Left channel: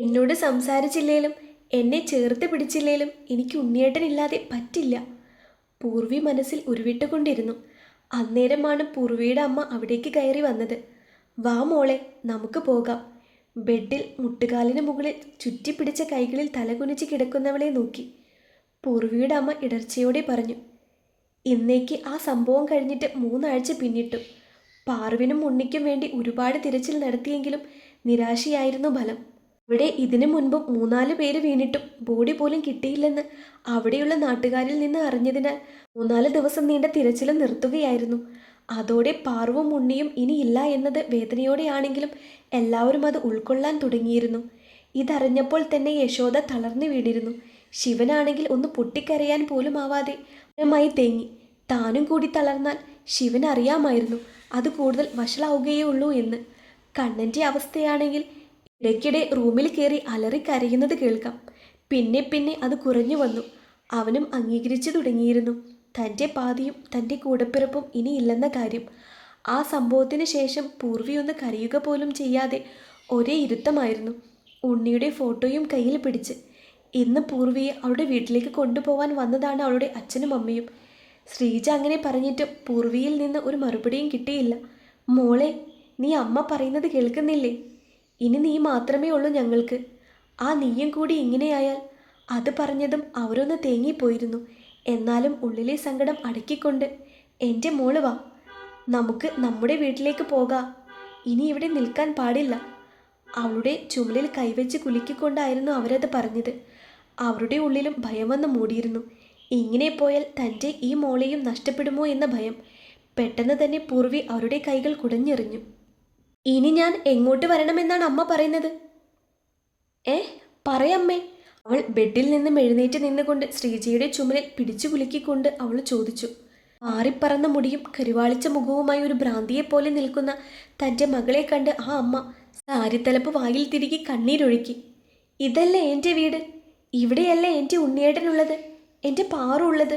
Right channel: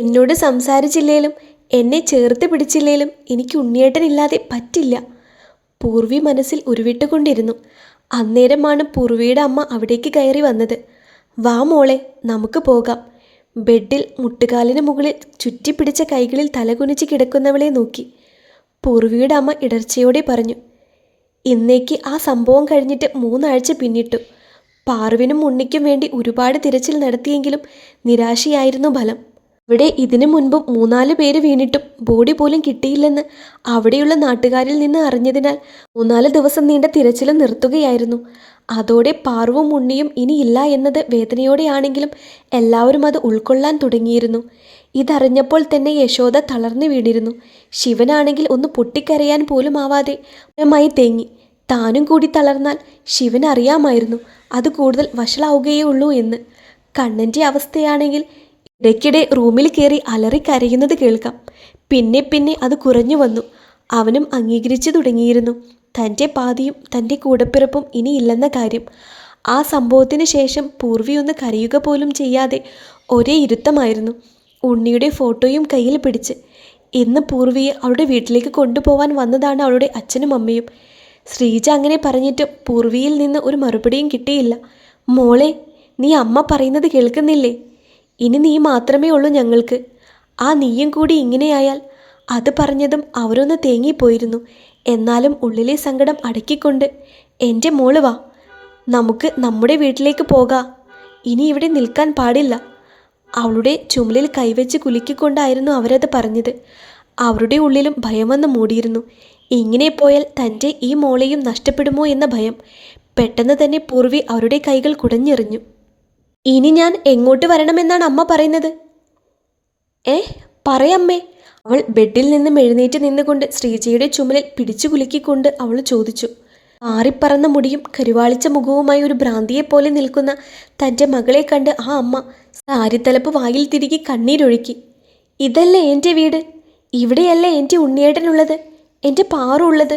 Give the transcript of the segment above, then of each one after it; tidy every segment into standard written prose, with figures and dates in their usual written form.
എന്നോട് സംസാരിച്ചില്ലേലും എന്നെ ചേർത്ത് പിടിച്ചില്ലേലും എനിക്ക് ഉണ്ണിയേട്ടനില്ലാതെ പറ്റില്ല. പൂർവി മനസ്സിൽ ഉരുവിട്ടുകൊണ്ടിരുന്നു. അന്നേരമാണ് പൂർവിയുടെ അമ്മ അവിടേക്ക് കയറി വന്നത്. വാ മോളെ, നമുക്ക് പോകാം. ബെഡിൽ മുട്ടുകാലിന് മുകളിൽ ചുറ്റിപ്പിടിച്ച കൈകളിൽ തലകുനിച്ച് കിടക്കുന്നവളെ നോക്കി പൂർവിയുടെ അമ്മ ഇടർച്ചയോടെ പറഞ്ഞു. ഇന്നേക്ക് ആ സംഭവം കഴിഞ്ഞിട്ട് 3 ആഴ്ച പിന്നിട്ടു. പാറുവിനും ഉണ്ണിക്കും വേണ്ടി ഒരുപാട് തിരച്ചിൽ നടത്തിയെങ്കിലും നിരാശയായിരുന്നു ഫലം. ഇവിടെ ഇതിനു മുൻപും 3-4 പേര് വീണിട്ടും ബോഡി പോലും കിട്ടിയില്ലെന്ന് അവിടെയുള്ള നാട്ടുകാരിൽ നിന്ന് അറിഞ്ഞതിനാൽ 3-4 ദിവസം നീണ്ട തിരച്ചിൽ നിർത്തുകയായിരുന്നു. അതോടെ പാറുവും ഉണ്ണിയും ഇനിയില്ല എന്നത് വേദനയോടെയാണെങ്കിലും എല്ലാവരും അത് ഉൾക്കൊള്ളാൻ തുടങ്ങിയിരുന്നു. ഇതറിഞ്ഞപ്പോൾ തന്നെ യശോദ തളർന്നു വീണിരുന്നു. ശിവനാണെങ്കിൽ ഒന്ന് പൊട്ടിക്കരയാൻ പോലും ആവാതെ മായി തേങ്ങി. താനും കൂടി തളർന്നാൽ ശിവൻ അറിയാമായിരുന്നു അത് കൂടുതൽ വഷളാവുകയേ ഉള്ളൂ എന്ന്. കണ്ണൻ്റെ അവസ്ഥയാണെങ്കിൽ ഇടയ്ക്കിടെ റൂമിൽ കയറി അലറി കരയുന്നത് കേൾക്കാം. പിന്നെ പിന്നെ അത് കുറഞ്ഞു വന്നു. അവനും അംഗീകരിച്ചു തുടങ്ങിയിരുന്നു തൻ്റെ പാതിയും തൻ്റെ കൂടപ്പിറപ്പും ഇനിയില്ലെന്ന കാര്യം. ആ സംഭവത്തിന് ശേഷം പൂർവി ഒന്ന് കരയുക പോലും ചെയ്യാതെ ഒരേ ഇരുത്തമായിരുന്നു. ഉണ്ണിയുടെ ഫോട്ടോയും കയ്യിൽ പിടിച്ച്. ഇന്ന് പൂർവിയെ അവളുടെ വീട്ടിലേക്ക് കൊണ്ടുപോകാൻ വന്നതാണ് അവളുടെ അച്ഛനും അമ്മയും. ശ്രീജ അങ്ങനെ പറഞ്ഞിട്ട് പൂർവിയിൽ നിന്ന് ഒരു മറുപടിയും കിട്ടിയില്ല. മോളെ, നീ അമ്മ പറയുന്നത് കേൾക്കുന്നില്ലേ? ഇനി നീ മാത്രമേ ഉള്ളൂ ഞങ്ങൾക്ക്. ആ നീയും കൂടി ഇങ്ങനെയായാൽ. അത് പറഞ്ഞതും അവരൊന്ന് തേങ്ങിപ്പോയിരുന്നു. എന്നാലും ഉള്ളിലെ സങ്കടം അടക്കിക്കൊണ്ട് എൻ്റെ മോള് വാ, നമുക്ക് നമ്മുടെ വീട്ടിലേക്ക് പോകാം. ഇനി ഇവിടെ നിൽക്കാൻ പാടില്ല. അവളുടെ ചുമലിൽ കൈവച്ച് കുലുക്കിക്കൊണ്ടായിരുന്നു അവരത് പറഞ്ഞത്. അവരുടെ ഉള്ളിലും ഭയമെന്ന് മൂടിയിരുന്നു. ഇങ്ങനെ പോയാൽ തൻ്റെ ഈ മോളെയും നഷ്ടപ്പെടുമോ എന്ന ഭയം. പെട്ടെന്ന് തന്നെ പൂർവി അവരുടെ കൈകൾ കുടഞ്ഞെറിഞ്ഞു. ഇനി ഞാൻ എങ്ങോട്ട് വരണമെന്നാണ് അമ്മ പറയുന്നത്? പറയമ്മേ. അവൾ ബെഡിൽ നിന്നും എഴുന്നേറ്റ് നിന്നുകൊണ്ട് ശ്രീജയുടെ ചുമലിൽ പിടിച്ചു കുലുക്കിക്കൊണ്ട് അവൾ ചോദിച്ചു. ആറിപ്പറന്ന മുടിയും കരുവാളിച്ച മുഖവുമായി ഒരു ഭ്രാന്തിയെപ്പോലെ നിൽക്കുന്ന തൻ്റെ മകളെ കണ്ട് ആ അമ്മ സാരിത്തലപ്പ് വായിൽ തിരികെ കണ്ണീരൊഴുക്കി. ഇതല്ലേ എൻ്റെ വീട്? ഇവിടെയല്ലേ എൻ്റെ ഉണ്ണിയേട്ടനുള്ളത്, എൻ്റെ പാറുള്ളത്?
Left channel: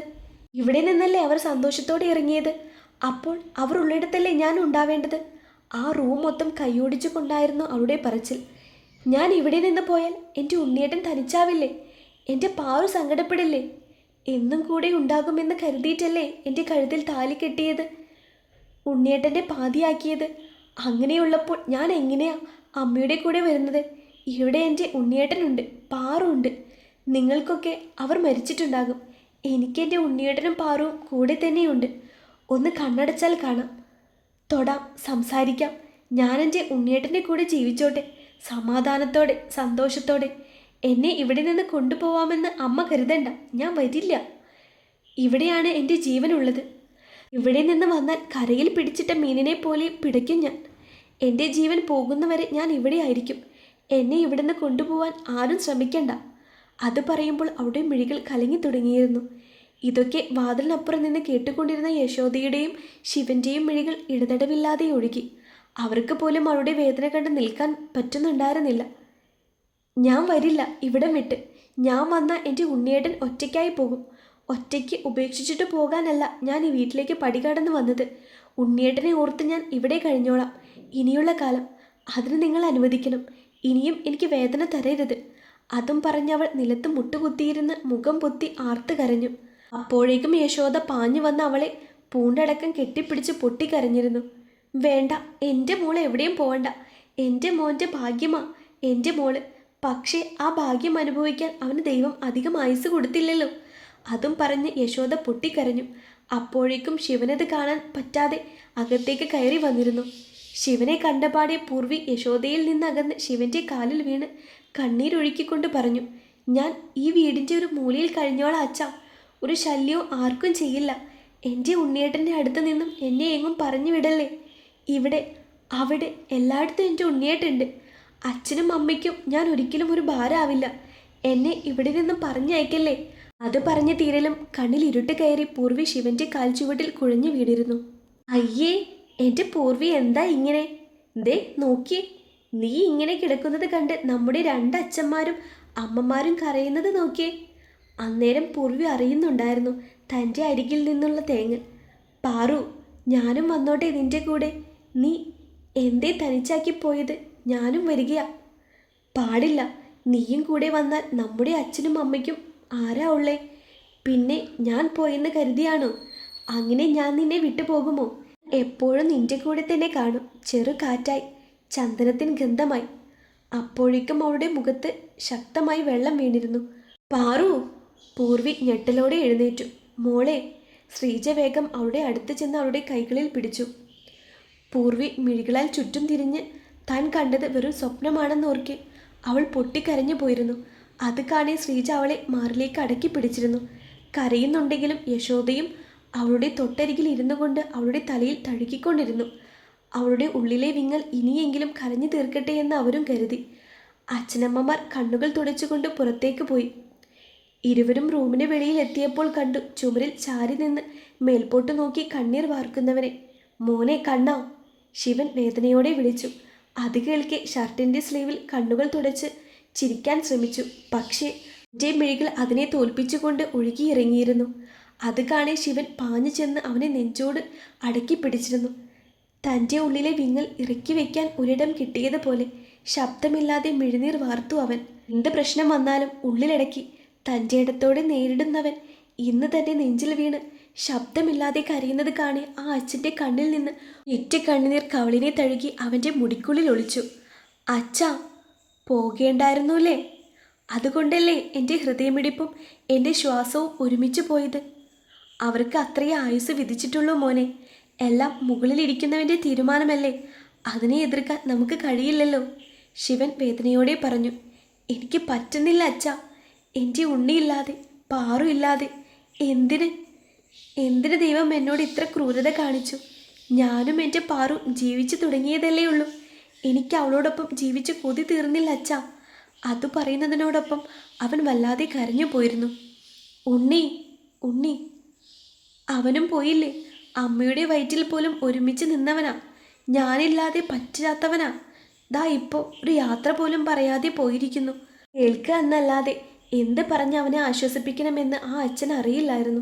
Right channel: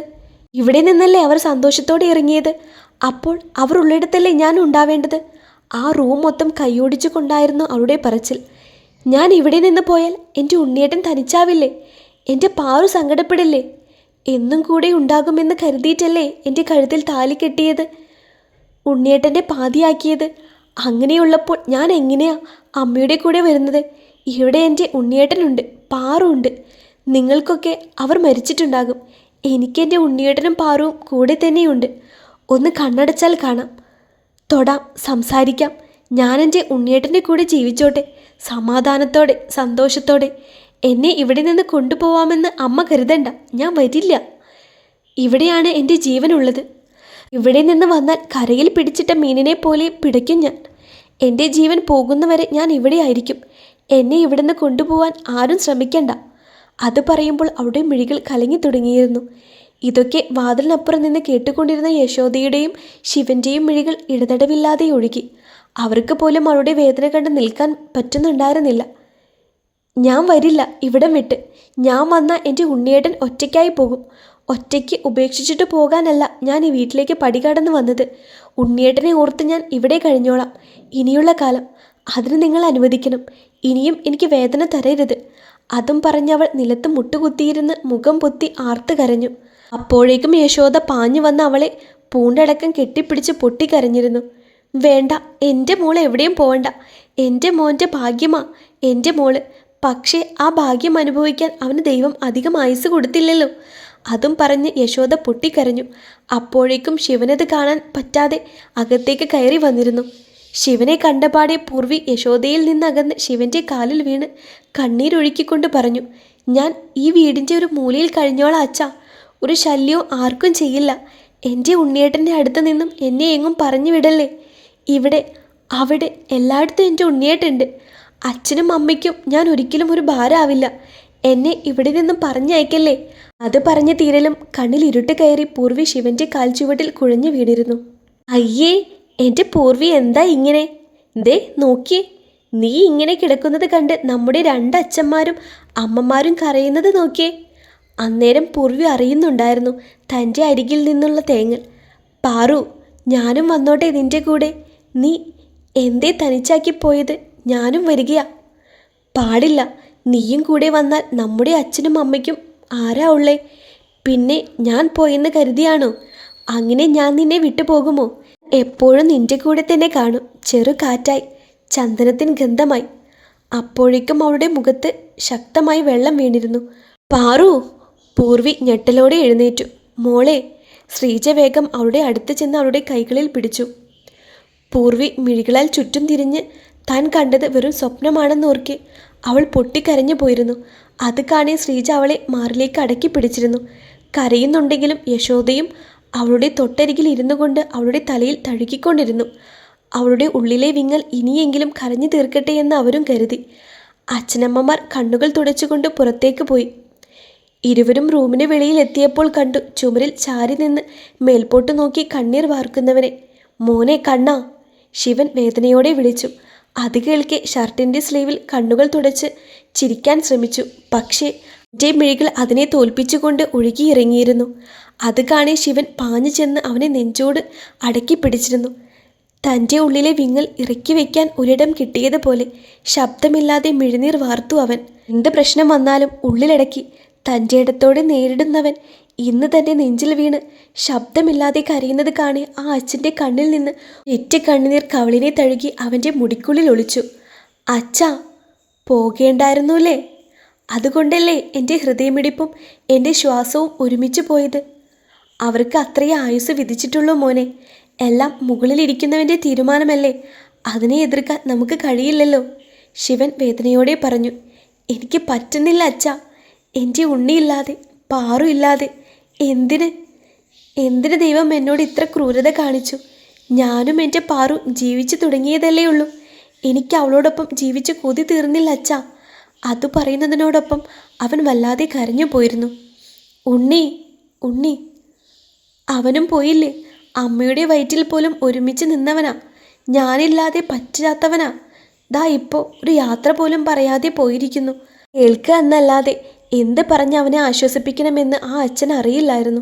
ഇവിടെ നിന്നല്ലേ അവർ സന്തോഷത്തോടെ ഇറങ്ങിയത്? അപ്പോൾ അവർ ഉള്ളിടത്തല്ലേ ഞാൻ ഉണ്ടാവേണ്ടത്? ആ റൂം മൊത്തം കൈയോടിച്ചു കൊണ്ടായിരുന്നു അവളുടെ പറച്ചിൽ. ഞാൻ ഇവിടെ നിന്ന് പോയാൽ എൻ്റെ ഉണ്ണിയേട്ടൻ തനിച്ചാവില്ലേ? എൻ്റെ പാറു സങ്കടപ്പെടില്ലേ? എന്നും കൂടെ ഉണ്ടാകുമെന്ന് കരുതിയിട്ടല്ലേ എൻ്റെ കഴുത്തിൽ താലി കെട്ടിയത്, ഉണ്ണിയേട്ടൻ്റെ പാതിയാക്കിയത്? അങ്ങനെയുള്ളപ്പോൾ ഞാൻ എങ്ങനെയാ അമ്മയുടെ കൂടെ വരുന്നത്? ഇവിടെ എൻ്റെ ഉണ്ണിയേട്ടനുണ്ട്, പാറുണ്ട്. നിങ്ങൾക്കൊക്കെ അവർ മരിച്ചിട്ടുണ്ടാകും. എനിക്കെൻ്റെ ഉണ്ണിയേട്ടനും പാറുവും കൂടെ തന്നെയുണ്ട്. ഒന്ന് കണ്ണടച്ചാൽ കാണാം, തൊടാം, സംസാരിക്കാം. ഞാൻ എൻ്റെ ഉണ്ണിയേട്ടൻ്റെ കൂടെ ജീവിച്ചോട്ടെ, സമാധാനത്തോടെ, സന്തോഷത്തോടെ. എന്നെ ഇവിടെ നിന്ന് കൊണ്ടുപോവാമെന്ന് അമ്മ കരുതണ്ട. ഞാൻ വരില്ല. ഇവിടെയാണ് എൻ്റെ ജീവനുള്ളത്. ഇവിടെ നിന്ന് വന്നാൽ കരയിൽ പിടിച്ചിട്ട മീനിനെ പോലെ പിടയ്ക്കും ഞാൻ. എൻ്റെ ജീവൻ പോകുന്നവരെ ഞാൻ ഇവിടെ ആയിരിക്കും. എന്നെ ഇവിടെ നിന്ന് കൊണ്ടുപോകാൻ ആരും ശ്രമിക്കണ്ട. അത് പറയുമ്പോൾ അവളുടെ മിഴികൾ കലങ്ങി തുടങ്ങിയിരുന്നു. ഇതൊക്കെ വാതിലിനപ്പുറം നിന്ന് കേട്ടുകൊണ്ടിരുന്ന യശോദയുടെയും ശിവൻ്റെയും മിഴികൾ ഇടതടവില്ലാതെ ഒഴുകി. അവർക്ക് പോലും അവളുടെ വേദന കണ്ട് നിൽക്കാൻ പറ്റുന്നുണ്ടായിരുന്നില്ല. ഞാൻ വരില്ല ഇവിടം വിട്ട്. ഞാൻ വന്നാൽ എൻ്റെ ഉണ്ണിയേട്ടൻ ഒറ്റയ്ക്കായി പോകും. ഒറ്റയ്ക്ക് ഉപേക്ഷിച്ചിട്ട് പോകാനല്ല ഞാൻ ഈ വീട്ടിലേക്ക് പടികടന്ന് വന്നത്. ഉണ്ണിയേട്ടനെ ഓർത്ത് ഞാൻ ഇവിടെ കഴിഞ്ഞോളാം ഇനിയുള്ള കാലം. അതിന് നിങ്ങൾ അനുവദിക്കണം. ഇനിയും എനിക്ക് വേദന തരരുത്. അതും പറഞ്ഞവൾ നിലത്ത് മുട്ടുകുത്തിയിരുന്ന് മുഖം പൊത്തി ആർത്ത് കരഞ്ഞു. അപ്പോഴേക്കും യശോദ പാഞ്ഞു വന്ന് അവളെ പൂണ്ടടക്കം കെട്ടിപ്പിടിച്ച് പൊട്ടിക്കരഞ്ഞിരുന്നു. വേണ്ട, എൻ്റെ മോൾ എവിടെയും പോവണ്ട. എൻ്റെ മോൻ്റെ ഭാഗ്യമാ എൻ്റെ മോള്. പക്ഷേ ആ ഭാഗ്യം അനുഭവിക്കാൻ അവന് ദൈവം അധികം ആയുസ് കൊടുത്തില്ലല്ലോ. അതും പറഞ്ഞ് യശോദ പൊട്ടിക്കരഞ്ഞു. അപ്പോഴേക്കും ശിവനത് കാണാൻ പറ്റാതെ അകത്തേക്ക് കയറി വന്നിരുന്നു. ശിവനെ കണ്ടപാടെ പൂർവി യശോദയിൽ നിന്നകന്ന് ശിവൻ്റെ കാലിൽ വീണ് കണ്ണീരൊഴുക്കിക്കൊണ്ട് പറഞ്ഞു. ഞാൻ ഈ വീടിൻ്റെ ഒരു മൂലയിൽ കഴിഞ്ഞോളാം അച്ഛാ. ഒരു ശല്യവും ആർക്കും ചെയ്യില്ല. എൻ്റെ ഉണ്ണിയേട്ടൻ്റെ അടുത്ത് നിന്നും എന്നെ എങ്ങും പറഞ്ഞു വിടല്ലേ. ഇവിടെ അവിടെ എല്ലായിടത്തും എൻ്റെ ഉണ്ണിയേട്ടുണ്ട്. അച്ഛനും അമ്മയ്ക്കും ഞാൻ ഒരിക്കലും ഒരു ഭാരമാവില്ല. എന്നെ ഇവിടെ നിന്നും പറഞ്ഞയക്കല്ലേ. അത് പറഞ്ഞ തീരലും കണ്ണിൽ ഇരുട്ട് കയറി പൂർവി ശിവൻ്റെ കാൽച്ചുവട്ടിൽ കുഴഞ്ഞു വീണിരുന്നു. അയ്യേ, എൻ്റെ പൂർവി എന്താ ഇങ്ങനെ? ദേ നോക്കിയേ, നീ ഇങ്ങനെ കിടക്കുന്നത് കണ്ട് നമ്മുടെ 2 അച്ഛന്മാരും അമ്മമാരും കരയുന്നത് നോക്കിയേ. അന്നേരം പൂർവി അറിയുന്നുണ്ടായിരുന്നു തൻ്റെ അരികിൽ നിന്നുള്ള തേങ്ങൽ. പാറു, ഞാനും വന്നോട്ടെ നിൻ്റെ കൂടെ? നീ എന്തേ തനിച്ചാക്കി പോയത്? ഞാനും വരികയാ. പാടില്ല, നീയും കൂടെ വന്നാൽ നമ്മുടെ അച്ഛനും അമ്മയ്ക്കും ആരാ ഉള്ളേ? പിന്നെ ഞാൻ പോയെന്ന് കരുതിയാണോ? അങ്ങനെ ഞാൻ നിന്നെ വിട്ടുപോകുമോ? എപ്പോഴും നിന്റെ കൂടെ തന്നെ കാണും. ചെറു കാറ്റായി, ചന്ദനത്തിന് ഗന്ധമായി. അപ്പോഴേക്കും അവളുടെ മുഖത്ത് ശക്തമായി വെള്ളം വീണിരുന്നു. പാറു! പൂർവി ഞെട്ടലോടെ എഴുന്നേറ്റു. മോളെ! ശ്രീജ വേഗം അവളുടെ അടുത്ത് ചെന്ന് അവളുടെ കൈകളിൽ പിടിച്ചു. പൂർവി മിഴികളാൽ ചുറ്റും തിരിഞ്ഞ് താൻ കണ്ടത് വെറും സ്വപ്നമാണെന്നോർക്കെ അവൾ പൊട്ടിക്കരഞ്ഞു പോയിരുന്നു. അത് കാണേ ശ്രീജ അവളെ മാറിലേക്ക് അടക്കി പിടിച്ചിരുന്നു. കരയുന്നുണ്ടെങ്കിലും യശോദയും അവളുടെ തൊട്ടരികിൽ ഇരുന്നു കൊണ്ട് അവളുടെ തലയിൽ തഴുകിക്കൊണ്ടിരുന്നു. അവളുടെ ഉള്ളിലെ വിങ്ങൽ ഇനിയെങ്കിലും കരഞ്ഞു തീർക്കട്ടെ എന്ന് അവരും കരുതി. അച്ഛനമ്മമാർ കണ്ണുകൾ തുടച്ചുകൊണ്ട് പുറത്തേക്ക് പോയി. ഇരുവരും റൂമിന് വെളിയിൽ എത്തിയപ്പോൾ കണ്ടു ചുമരിൽ ചാരി നിന്ന് മേൽപോട്ട് നോക്കി കണ്ണീർ വാർക്കുന്നവനെ. മോനെ കണ്ണാ! ശിവൻ വേദനയോടെ വിളിച്ചു. അത് കേൾക്കെ ഷർട്ടിൻ്റെ സ്ലീവിൽ കണ്ണുകൾ തുടച്ച് ചിരിക്കാൻ ശ്രമിച്ചു. പക്ഷേ എൻ്റെ മിഴികൾ അതിനെ തോൽപ്പിച്ചുകൊണ്ട് ഒഴുകിയിറങ്ങിയിരുന്നു. അത് കാണേ ശിവൻ പാഞ്ഞു ചെന്ന് അവനെ നെഞ്ചോട് അടക്കി പിടിച്ചിരുന്നു. തൻ്റെ ഉള്ളിലെ വിങ്ങൽ ഇറക്കി വയ്ക്കാൻ ഒരിടം കിട്ടിയതുപോലെ ശബ്ദമില്ലാതെ മിഴിനീർ വാർത്തു അവൻ. എന്ത് പ്രശ്നം വന്നാലും ഉള്ളിലടക്കി തൻ്റെ ഇടത്തോടെ നേരിടുന്നവൻ ഇന്ന് തൻ്റെ നെഞ്ചിൽ വീണ് ശബ്ദമില്ലാതെ കരയുന്നത് കാണി ആ അച്ഛൻ്റെ കണ്ണിൽ നിന്ന് ഒറ്റ കണ്ണുനീർ കവളിനെ തഴുകി അവൻ്റെ മുടിക്കുള്ളിൽ ഒളിച്ചു. അച്ഛാ, പോകേണ്ടായിരുന്നുല്ലേ? അതുകൊണ്ടല്ലേ എൻ്റെ ഹൃദയമിടിപ്പും എൻ്റെ ശ്വാസവും ഒരുമിച്ച് പോയത്? അവർക്ക് അത്രയേ ആയുസ് വിധിച്ചിട്ടുള്ളൂ മോനെ. എല്ലാം മുകളിലിരിക്കുന്നവൻ്റെ തീരുമാനമല്ലേ, അതിനെ എതിർക്കാൻ നമുക്ക് കഴിയില്ലല്ലോ. ശിവൻ വേദനയോടെ പറഞ്ഞു. എനിക്ക് പറ്റുന്നില്ല അച്ഛാ. എൻ്റെ ഉണ്ണിയില്ലാതെ, പാറു ഇല്ലാതെ എന്തിന് ദൈവം എന്നോട് ഇത്ര ക്രൂരത കാണിച്ചു? ഞാനും എൻ്റെ പാറു ജീവിച്ചു തുടങ്ങിയതല്ലേ ഉള്ളൂ. എനിക്ക് അവളോടൊപ്പം ജീവിച്ച് കൊതി തീർന്നില്ല അച്ഛാ. അത് പറയുന്നതിനോടൊപ്പം അവൻ വല്ലാതെ കരഞ്ഞു പോയിരുന്നു. ഉണ്ണി അവനും പോയില്ലേ? അമ്മയുടെ വയറ്റിൽ പോലും ഒരുമിച്ച് നിന്നവനാ. ഞാനില്ലാതെ പറ്റാത്തവനാ. ദാ ഇപ്പോൾ ഒരു യാത്ര പോലും പറയാതെ പോയിരിക്കുന്നു. കേൾക്കുക എന്നല്ലാതെ എന്ത് പറഞ്ഞ് അവനെ ആശ്വസിപ്പിക്കണമെന്ന് ആ അച്ഛൻ അറിയില്ലായിരുന്നു.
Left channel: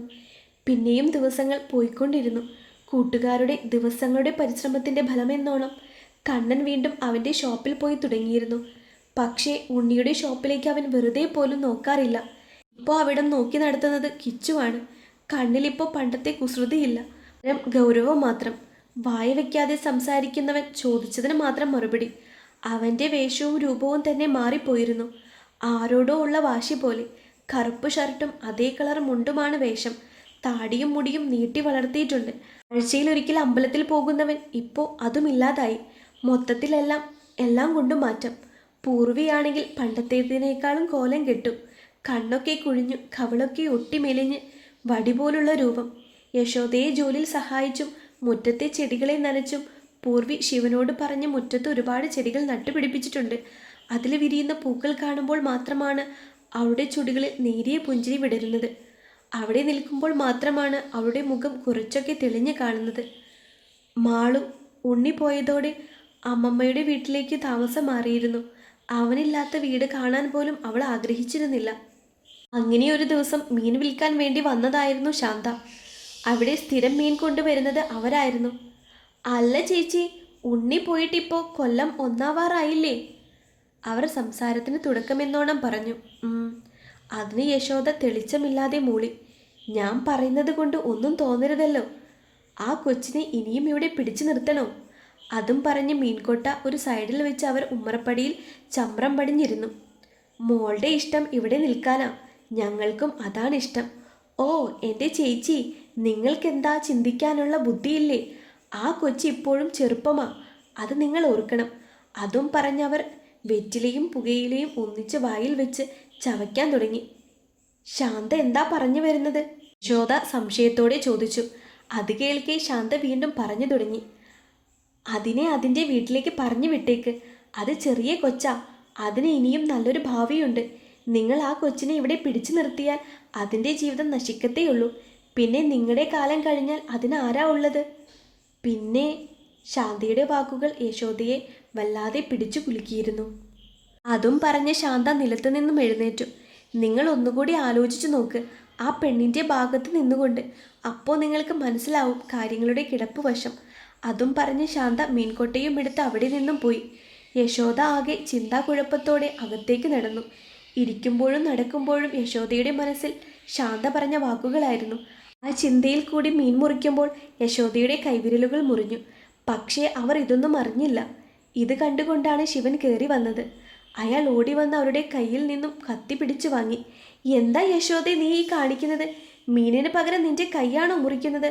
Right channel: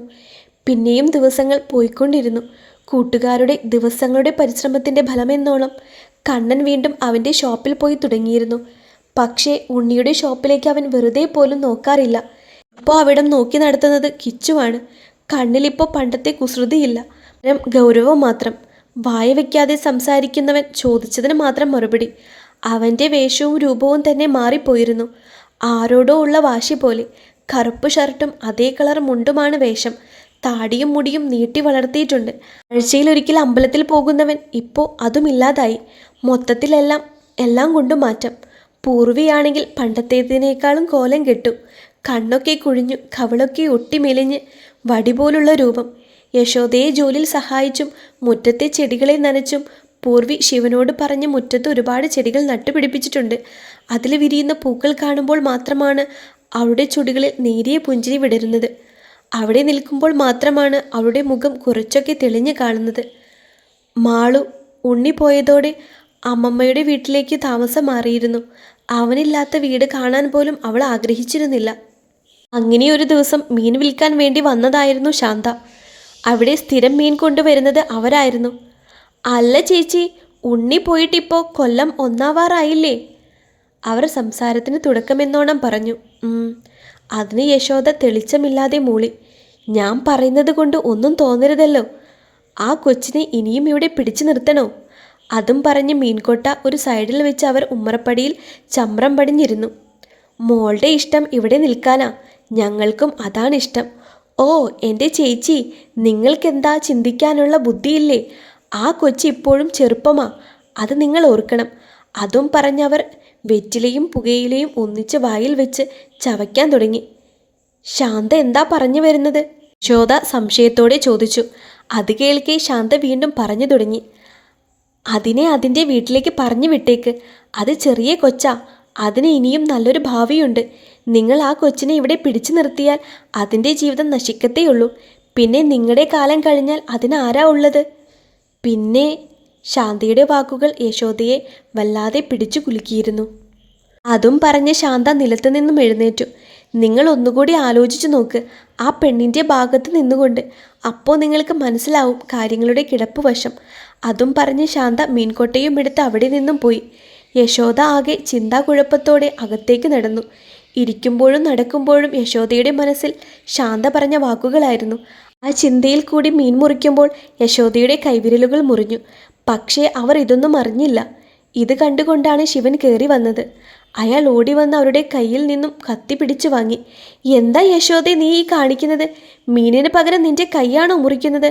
പിന്നെയും ദിവസങ്ങൾ പോയിക്കൊണ്ടിരുന്നു. കൂട്ടുകാരുടെ ദിവസങ്ങളുടെ പരിശ്രമത്തിൻ്റെ ഫലമെന്നോണം കണ്ണൻ വീണ്ടും അവൻ്റെ ഷോപ്പിൽ പോയി തുടങ്ങിയിരുന്നു. പക്ഷേ ഉണ്ണിയുടെ ഷോപ്പിലേക്ക് അവൻ വെറുതെ പോലും നോക്കാറില്ല. ഇപ്പോൾ അവിടം നോക്കി നടത്തുന്നത് കിച്ചുവാണ്. കണ്ണിലിപ്പോൾ പണ്ടത്തെ കുസൃതിയില്ല, ഗൗരവം മാത്രം. വായ വയ്ക്കാതെ സംസാരിക്കുന്നവൻ ചോദിച്ചതിന് മാത്രം മറുപടി. അവൻ്റെ വേഷവും രൂപവും തന്നെ മാറിപ്പോയിരുന്നു. ആരോടോ ഉള്ള വാശി പോലെ. കറുപ്പ് ഷർട്ടും അതേ കളർ മുണ്ടുമാണ് വേഷം. താടിയും മുടിയും നീട്ടി വളർത്തിയിട്ടുണ്ട്. ആഴ്ചയിലൊരിക്കൽ അമ്പലത്തിൽ പോകുന്നവൻ ഇപ്പോൾ അതുമില്ലാതായി. മൊത്തത്തിലെല്ലാം കൊണ്ടും മാറ്റം. പൂർവിയാണെങ്കിൽ പണ്ടത്തേതിനേക്കാളും കോലം കെട്ടു. കണ്ണൊക്കെ കുഴിഞ്ഞു, കവളൊക്കെ ഒട്ടി മെലിഞ്ഞ് വടി പോലുള്ള രൂപം. യശോദയെ ജോലിയിൽ സഹായിച്ചും മുറ്റത്തെ ചെടികളെ നനച്ചും പൂർവി ശിവനോട് പറഞ്ഞ് മുറ്റത്ത് ഒരുപാട് ചെടികൾ നട്ടുപിടിപ്പിച്ചിട്ടുണ്ട്. അതിൽ വിരിയുന്ന പൂക്കൾ കാണുമ്പോൾ മാത്രമാണ് അവളുടെ ചുടികളിൽ നേരിയ പുഞ്ചിരി വിടരുന്നത്. അവിടെ നിൽക്കുമ്പോൾ മാത്രമാണ് അവളുടെ മുഖം കുറച്ചൊക്കെ തെളിഞ്ഞു കാണുന്നത്. മാളു ഉണ്ണി പോയതോടെ അമ്മമ്മയുടെ വീട്ടിലേക്ക് താമസം മാറിയിരുന്നു. അവനില്ലാത്ത വീട് കാണാൻ പോലും അവൾ ആഗ്രഹിച്ചിരുന്നില്ല. അങ്ങനെ ഒരു ദിവസം മീൻ വിൽക്കാൻ വേണ്ടി വന്നതായിരുന്നു ശാന്ത. അവിടെ സ്ഥിരം മീൻ കൊണ്ടുവരുന്നത് അവരായിരുന്നു. അല്ല ചേച്ചി, ഉണ്ണി പോയിട്ടിപ്പോൾ കൊല്ലം ഒന്നാവാറായില്ലേ? അവർ സംസാരത്തിന് തുടക്കമെന്നോണം പറഞ്ഞു. അതിന് യശോദ തെളിച്ചമില്ലാതെ മൂളി. ഞാൻ പറയുന്നത് കൊണ്ട് ഒന്നും തോന്നരുതല്ലോ. ആ കൊച്ചിനെ ഇനിയും ഇവിടെ പിടിച്ചു നിർത്തണോ? അതും പറഞ്ഞ് മീൻകൊട്ട ഒരു സൈഡിൽ വെച്ച് അവർ ഉമ്മറപ്പടിയിൽ ചമ്രം പടിഞ്ഞിരുന്നു. മോളുടെ ഇഷ്ടം ഇവിടെ നിൽക്കാനാ, ഞങ്ങൾക്കും അതാണിഷ്ടം. ഓ എൻ്റെ ചേച്ചി, നിങ്ങൾക്കെന്താ ചിന്തിക്കാനുള്ള ബുദ്ധിയില്ലേ? ആ കൊച്ചി ഇപ്പോഴും ചെറുപ്പമാ, അത് നിങ്ങൾ ഓർക്കണം. അതും പറഞ്ഞവർ വെറ്റിലയും പുകയിലയും ഒന്നിച്ച് വായിൽ വെച്ച് ചവയ്ക്കാൻ തുടങ്ങി. ശാന്ത എന്താ പറഞ്ഞു വരുന്നത്? യശോദ സംശയത്തോടെ ചോദിച്ചു. അത് കേൾക്കെ ശാന്ത വീണ്ടും പറഞ്ഞു തുടങ്ങി. അതിനെ അതിൻ്റെ വീട്ടിലേക്ക് പറഞ്ഞു വിട്ടേക്ക്. അത് ചെറിയ കൊച്ചാ, അതിന് ഇനിയും നല്ലൊരു ഭാവിയുണ്ട്. നിങ്ങൾ ആ കൊച്ചിനെ ഇവിടെ പിടിച്ചു നിർത്തിയാൽ അതിൻ്റെ ജീവിതം നശിക്കത്തേയുള്ളൂ. പിന്നെ നിങ്ങളുടെ കാലം കഴിഞ്ഞാൽ അതിനാരാ ഉള്ളത്? പിന്നെ ശാന്തയുടെ വാക്കുകൾ യശോദയെ വല്ലാതെ പിടിച്ചു കുലുക്കിയിരുന്നു. അതും പറഞ്ഞ് ശാന്ത നിലത്ത് നിന്നും എഴുന്നേറ്റു. നിങ്ങൾ ഒന്നുകൂടി ആലോചിച്ചു നോക്ക്, ആ പെണ്ണിൻ്റെ ഭാഗത്ത് നിന്നുകൊണ്ട്. അപ്പോൾ നിങ്ങൾക്ക് മനസ്സിലാവും കാര്യങ്ങളുടെ കിടപ്പ് വശം. അതും പറഞ്ഞ് ശാന്ത മീൻകൊട്ടയും എടുത്ത് അവിടെ നിന്നും പോയി. യശോദ ആകെ ചിന്താകുഴപ്പത്തോടെ അകത്തേക്ക് നടന്നു. ഇരിക്കുമ്പോഴും നടക്കുമ്പോഴും യശോദയുടെ മനസ്സിൽ ശാന്ത പറഞ്ഞ വാക്കുകളായിരുന്നു. ആ ചിന്തയിൽ കൂടി മീൻ മുറിക്കുമ്പോൾ യശോദയുടെ കൈവിരലുകൾ മുറിഞ്ഞു. പക്ഷേ അവർ ഇതൊന്നും അറിഞ്ഞില്ല. ഇത് കണ്ടുകൊണ്ടാണ് ശിവൻ കയറി വന്നത്. അയാൾ ഓടി വന്ന് അവരുടെ കയ്യിൽ നിന്നും കത്തി പിടിച്ചു വാങ്ങി. എന്താ യശോദേ നീ ഈ കാണിക്കുന്നത്? മീനിന് പകരം നിന്റെ കൈയാണോ മുറിക്കുന്നത്?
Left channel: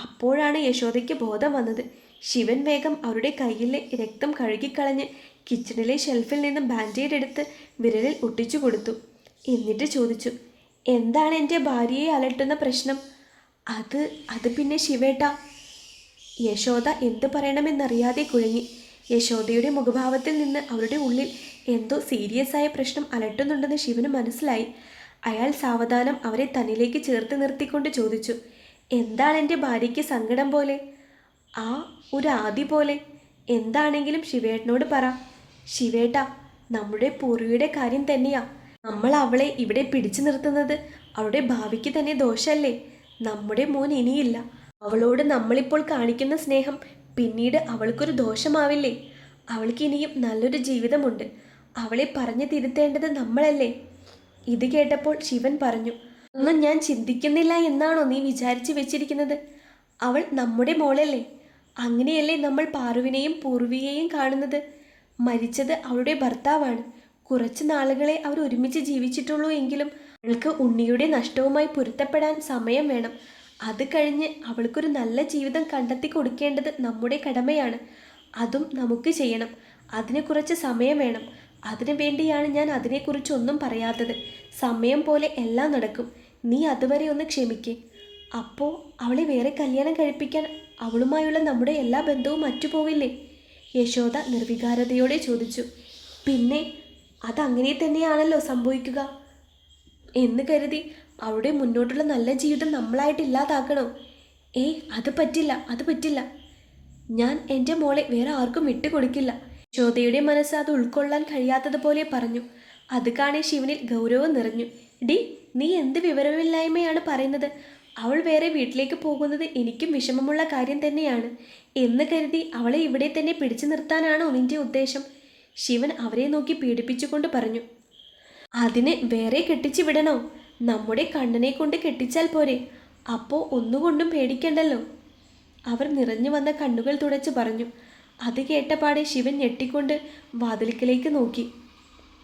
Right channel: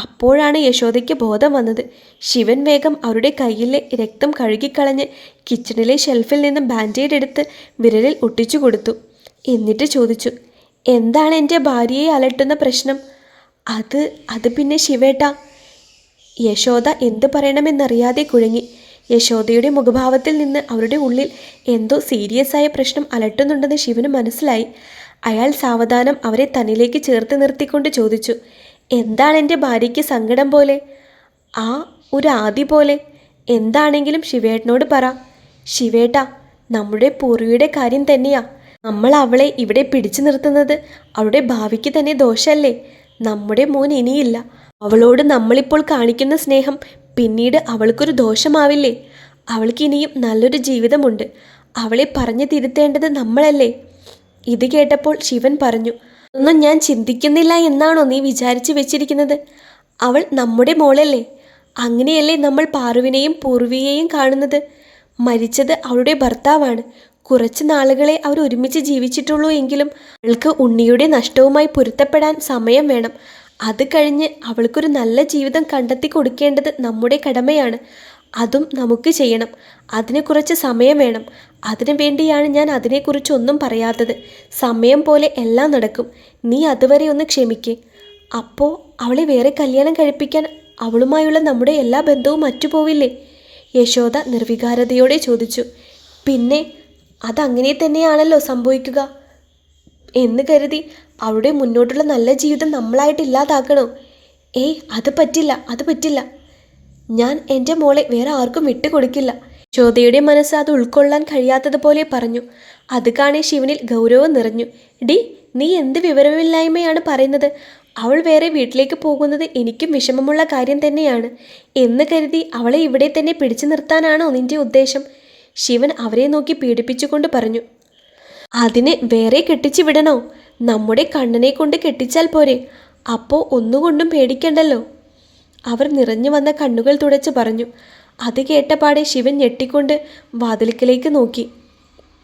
അപ്പോഴാണ് യശോദയ്ക്ക് ബോധം വന്നത്. ശിവൻ വേഗം അവരുടെ കയ്യിലെ രക്തം കഴുകിക്കളഞ്ഞ് കിച്ചണിലെ ഷെൽഫിൽ നിന്നും ബാൻഡേഡ് എടുത്ത് വിരലിൽ ഒട്ടിച്ചു കൊടുത്തു. എന്നിട്ട് ചോദിച്ചു, എന്താണ് എൻ്റെ ഭാര്യയെ അലട്ടുന്ന പ്രശ്നം? അത് പിന്നെ ശിവേട്ടാ. യശോദ എന്ത് പറയണമെന്നറിയാതെ കുഴങ്ങി. യശോദയുടെ മുഖഭാവത്തിൽ നിന്ന് അവരുടെ ഉള്ളിൽ എന്തോ സീരിയസ് ആയ പ്രശ്നം അലട്ടുന്നുണ്ടെന്ന് ശിവന് മനസ്സിലായി. അയാൾ സാവധാനം അവരെ തന്നിലേക്ക് ചേർത്ത് നിർത്തിക്കൊണ്ട് ചോദിച്ചു, എന്താണ് എൻ്റെ ഭാര്യയ്ക്ക് സങ്കടം പോലെ? ആ ഒരു ആദി പോലെ. എന്താണെങ്കിലും ശിവേട്ടനോട് പറ. ശിവേട്ടാ, നമ്മുടെ പൂർവിയുടെ കാര്യം തന്നെയാ. നമ്മൾ അവളെ ഇവിടെ പിടിച്ചു നിർത്തുന്നത് അവളുടെ ഭാവിക്ക് തന്നെ ദോഷമല്ലേ? നമ്മുടെ മോൻ ഇനിയില്ല. അവളോട് നമ്മളിപ്പോൾ കാണിക്കുന്ന സ്നേഹം പിന്നീട് അവൾക്കൊരു ദോഷമാവില്ലേ? അവൾക്ക് ഇനിയും നല്ലൊരു ജീവിതമുണ്ട്. അവളെ പറഞ്ഞു തിരുത്തേണ്ടത് നമ്മളല്ലേ? ഇത് കേട്ടപ്പോൾ ശിവൻ പറഞ്ഞു, ഒന്നും ഞാൻ ചിന്തിക്കുന്നില്ല എന്നാണോ നീ വിചാരിച്ചു വെച്ചിരിക്കുന്നത്? അവൾ നമ്മുടെ മോളല്ലേ? അങ്ങനെയല്ലേ നമ്മൾ പാറുവിനെയും പൂർവിയെയും കാണുന്നത്? മരിച്ചത് അവളുടെ ഭർത്താവാണ്. കുറച്ച് നാളുകളെ അവർ ഒരുമിച്ച് ജീവിച്ചിട്ടുള്ളൂ എങ്കിലും അവൾക്ക് ഉണ്ണിയുടെ നഷ്ടവുമായി പൊരുത്തപ്പെടാൻ സമയം വേണം. അത് കഴിഞ്ഞ് അവൾക്കൊരു നല്ല ജീവിതം കണ്ടെത്തി കൊടുക്കേണ്ടത് നമ്മുടെ കടമയാണ്. അതും നമുക്ക് ചെയ്യണം. അതിന് കുറച്ച് സമയം വേണം. അതിനു വേണ്ടിയാണ് ഞാൻ അതിനെക്കുറിച്ചൊന്നും പറയാത്തത്. സമയം പോലെ എല്ലാം നടക്കും. നീ അതുവരെ ഒന്ന് ക്ഷമിക്കേ. അപ്പോൾ അവളെ വേറെ കല്യാണം കഴിപ്പിക്കാൻ അവളുമായുള്ള നമ്മുടെ എല്ലാ ബന്ധവും മറ്റുപോവില്ലേ? യശോദ നിർവികാരതയോടെ ചോദിച്ചു. പിന്നെ അതങ്ങനെ തന്നെയാണല്ലോ സംഭവിക്കുക എന്ന് കരുതി അവളുടെ മുന്നോട്ടുള്ള നല്ല ജീവിതം നമ്മളായിട്ട് ഇല്ലാതാക്കണോ? ഏയ്, അത് പറ്റില്ല. ഞാൻ എൻ്റെ മോളെ വേറെ ആർക്കും വിട്ടുകൊടുക്കില്ല. യശോദയുടെ മനസ്സ് അത് ഉൾക്കൊള്ളാൻ കഴിയാത്തതുപോലെ പറഞ്ഞു. അത് കാണേ ശിവനിൽ ഗൗരവം നിറഞ്ഞു. ഡി, നീ എന്ത് വിവരമില്ലായ്മയാണ് പറയുന്നത്? അവൾ വേറെ വീട്ടിലേക്ക് പോകുന്നത് എനിക്കും വിഷമമുള്ള കാര്യം തന്നെയാണ്. എന്ന് കരുതി അവളെ ഇവിടെ തന്നെ പിടിച്ചു നിർത്താനാണോ നിന്റെ ഉദ്ദേശം? ശിവൻ അവരെ നോക്കി പീഡിപ്പിച്ചുകൊണ്ട് പറഞ്ഞു. അതിന് വേറെ കെട്ടിച്ചു വിടണോ? നമ്മുടെ കണ്ണനെ കൊണ്ട് കെട്ടിച്ചാൽ പോരെ? അപ്പോൾ ഒന്നുകൊണ്ടും പേടിക്കണ്ടല്ലോ. അവർ നിറഞ്ഞു വന്ന കണ്ണുകൾ തുടച്ച് പറഞ്ഞു. അത് കേട്ടപാടെ ശിവൻ ഞെട്ടിക്കൊണ്ട് വാതിൽക്കലേക്ക് നോക്കി.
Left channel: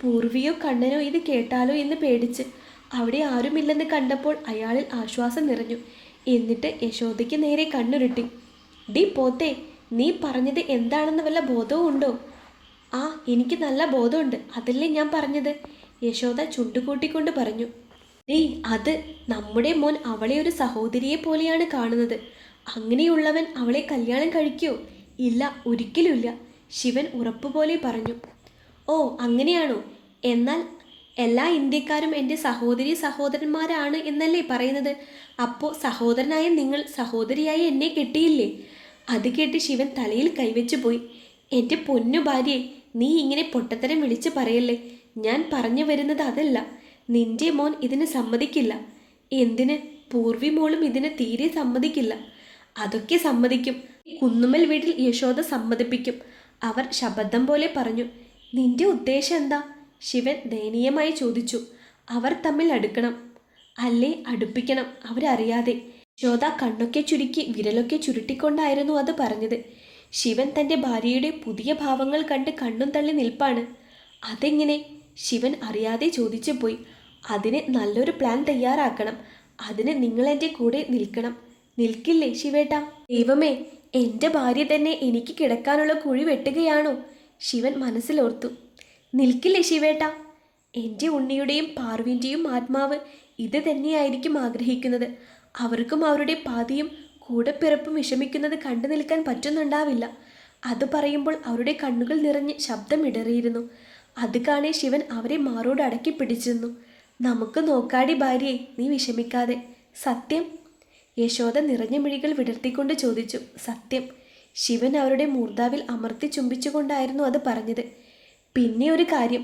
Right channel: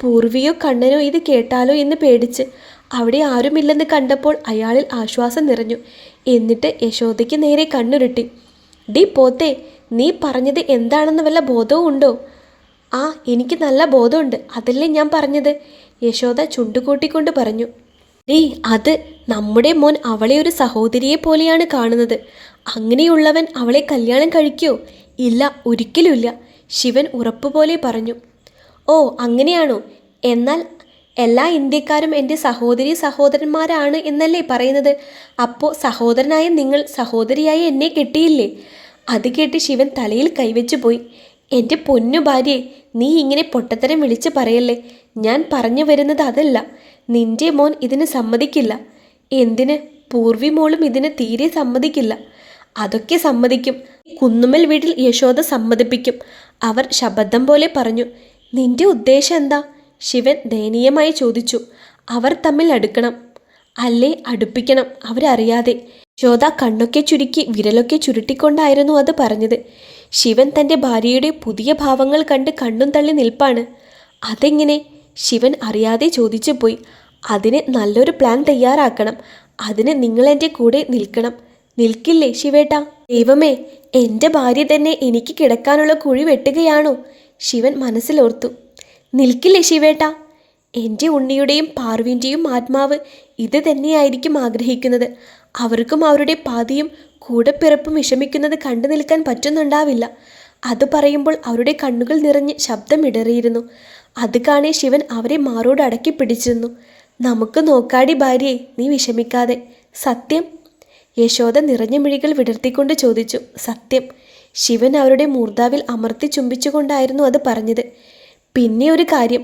പൂർവിയോ കണ്ണനോ ഇത് കേട്ടാലോ എന്ന് പേടിച്ച് അവിടെ ആരുമില്ലെന്ന് കണ്ടപ്പോൾ അയാളിൽ ആശ്വാസം നിറഞ്ഞു. എന്നിട്ട് യശോദയ്ക്ക് നേരെ കണ്ണുരുട്ടി. ഡി പോത്തേ, നീ പറഞ്ഞത് എന്താണെന്ന് വല്ല ബോധവും ഉണ്ടോ? ആ, എനിക്ക് നല്ല ബോധമുണ്ട്. അതല്ലേ ഞാൻ പറഞ്ഞത്. യശോദ ചുണ്ടുകൂട്ടിക്കൊണ്ട് പറഞ്ഞു. ഡേ, അത് നമ്മുടെ മോൻ അവളെ ഒരു സഹോദരിയെ പോലെയാണ് കാണുന്നത്. അങ്ങനെയുള്ളവൻ അവളെ കല്യാണം കഴിക്കുമോ? ഇല്ല, ഒരിക്കലുമില്ല. ശിവൻ ഉറപ്പുപോലെ പറഞ്ഞു. ഓ, അങ്ങനെയാണോ? എന്നാൽ എല്ലാ ഇന്ത്യക്കാരും എൻ്റെ സഹോദരി സഹോദരന്മാരാണ് എന്നല്ലേ പറയുന്നത്? അപ്പോൾ സഹോദരനായ നിങ്ങൾ സഹോദരിയായി എന്നെ കെട്ടിയില്ലേ? അത് കേട്ട് ശിവൻ തലയിൽ കൈവച്ചു പോയി. എൻ്റെ പൊന്നു ഭാര്യയെ, നീ ഇങ്ങനെ പൊട്ടത്തരം വിളിച്ച് പറയല്ലേ. ഞാൻ പറഞ്ഞു വരുന്നത് അതല്ല. നിന്റെ മോൻ ഇതിന് സമ്മതിക്കില്ല. എന്തിന്? പൂർവി മോളും ഇതിന് തീരെ സമ്മതിക്കില്ല. അതൊക്കെ സമ്മതിക്കും. കുന്നുമ്മൽ വീട്ടിൽ യശോദ സമ്മതിപ്പിക്കും. അവർ ശബദം പോലെ പറഞ്ഞു. നിന്റെ ഉദ്ദേശം എന്താ? ശിവൻ ദയനീയമായി ചോദിച്ചു. അവർ തമ്മിൽ അടുക്കണം. അല്ലേ അടുപ്പിക്കണം, അവരറിയാതെ. യശോദ കണ്ണൊക്കെ ചുരുക്കി വിരലൊക്കെ ചുരുട്ടിക്കൊണ്ടായിരുന്നു അത് പറഞ്ഞത്. ശിവൻ തൻ്റെ ഭാര്യയുടെ പുതിയ ഭാവങ്ങൾ കണ്ട് കണ്ണും തള്ളി നിൽപ്പാണ്. അതെങ്ങനെ? ശിവൻ അറിയാതെ ചോദിച്ചു പോയി. അതിന് നല്ലൊരു പ്ലാൻ തയ്യാറാക്കണം. അതിന് നിങ്ങൾ എൻ്റെ കൂടെ നിൽക്കണം. നിൽക്കില്ലേ ശിവേട്ടാ? ദൈവമേ, എൻ്റെ ഭാര്യ തന്നെ എനിക്ക് കിടക്കാനുള്ള കുഴി വെട്ടുകയാണോ? ശിവൻ മനസ്സിലോർത്തു. നിൽക്കില്ലേ ശിവേട്ടാ? എൻ്റെ ഉണ്ണിയുടെയും പാർവിൻ്റെയും ആത്മാവ് ഇത് തന്നെയായിരിക്കും ആഗ്രഹിക്കുന്നത്. അവർക്കും അവരുടെ പാതിയും കൂടെപ്പിറപ്പും വിഷമിക്കുന്നത് കണ്ടു നിൽക്കാൻ പറ്റുന്നുണ്ടാവില്ല. അത് പറയുമ്പോൾ അവരുടെ കണ്ണുകൾ നിറഞ്ഞ് ശബ്ദമിടറിയിരുന്നു. അത് കാണേ ശിവൻ അവരെ മാറോട് അടക്കി പിടിച്ചിരുന്നു. നമുക്ക് നോക്കാടി ഭാര്യയെ, നീ വിഷമിക്കാതെ. സത്യം? യശോദ നിറഞ്ഞ മിഴികൾ വിടർത്തിക്കൊണ്ട് ചോദിച്ചു. സത്യം. ശിവൻ അവരുടെ മൂർധാവിൽ അമർത്തി ചുംബിച്ചുകൊണ്ടായിരുന്നു അത് പറഞ്ഞത്. പിന്നെ ഒരു കാര്യം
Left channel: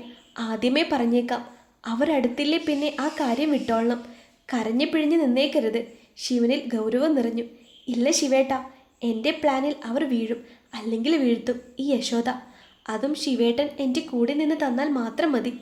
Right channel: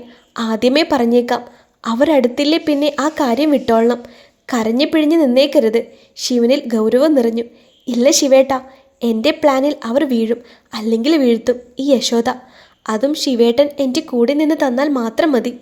ആദ്യമേ പറഞ്ഞേക്കാം. അവരടുത്തില്ലേ പിന്നെ ആ കാര്യം വിട്ടോളണം. കരഞ്ഞു പിഴിഞ്ഞ് നിന്നേക്കരുത്. ശിവനിൽ ഗൗരവം നിറഞ്ഞു. ഇല്ല ശിവേട്ടാ, എൻ്റെ പ്ലാനിൽ അവർ വീഴും, അല്ലെങ്കിൽ വീഴ്ത്തും ഈ യശോദ. അതും ശിവേട്ടൻ എൻ്റെ കൂടെ നിന്ന് തന്നാൽ മാത്രം മതി.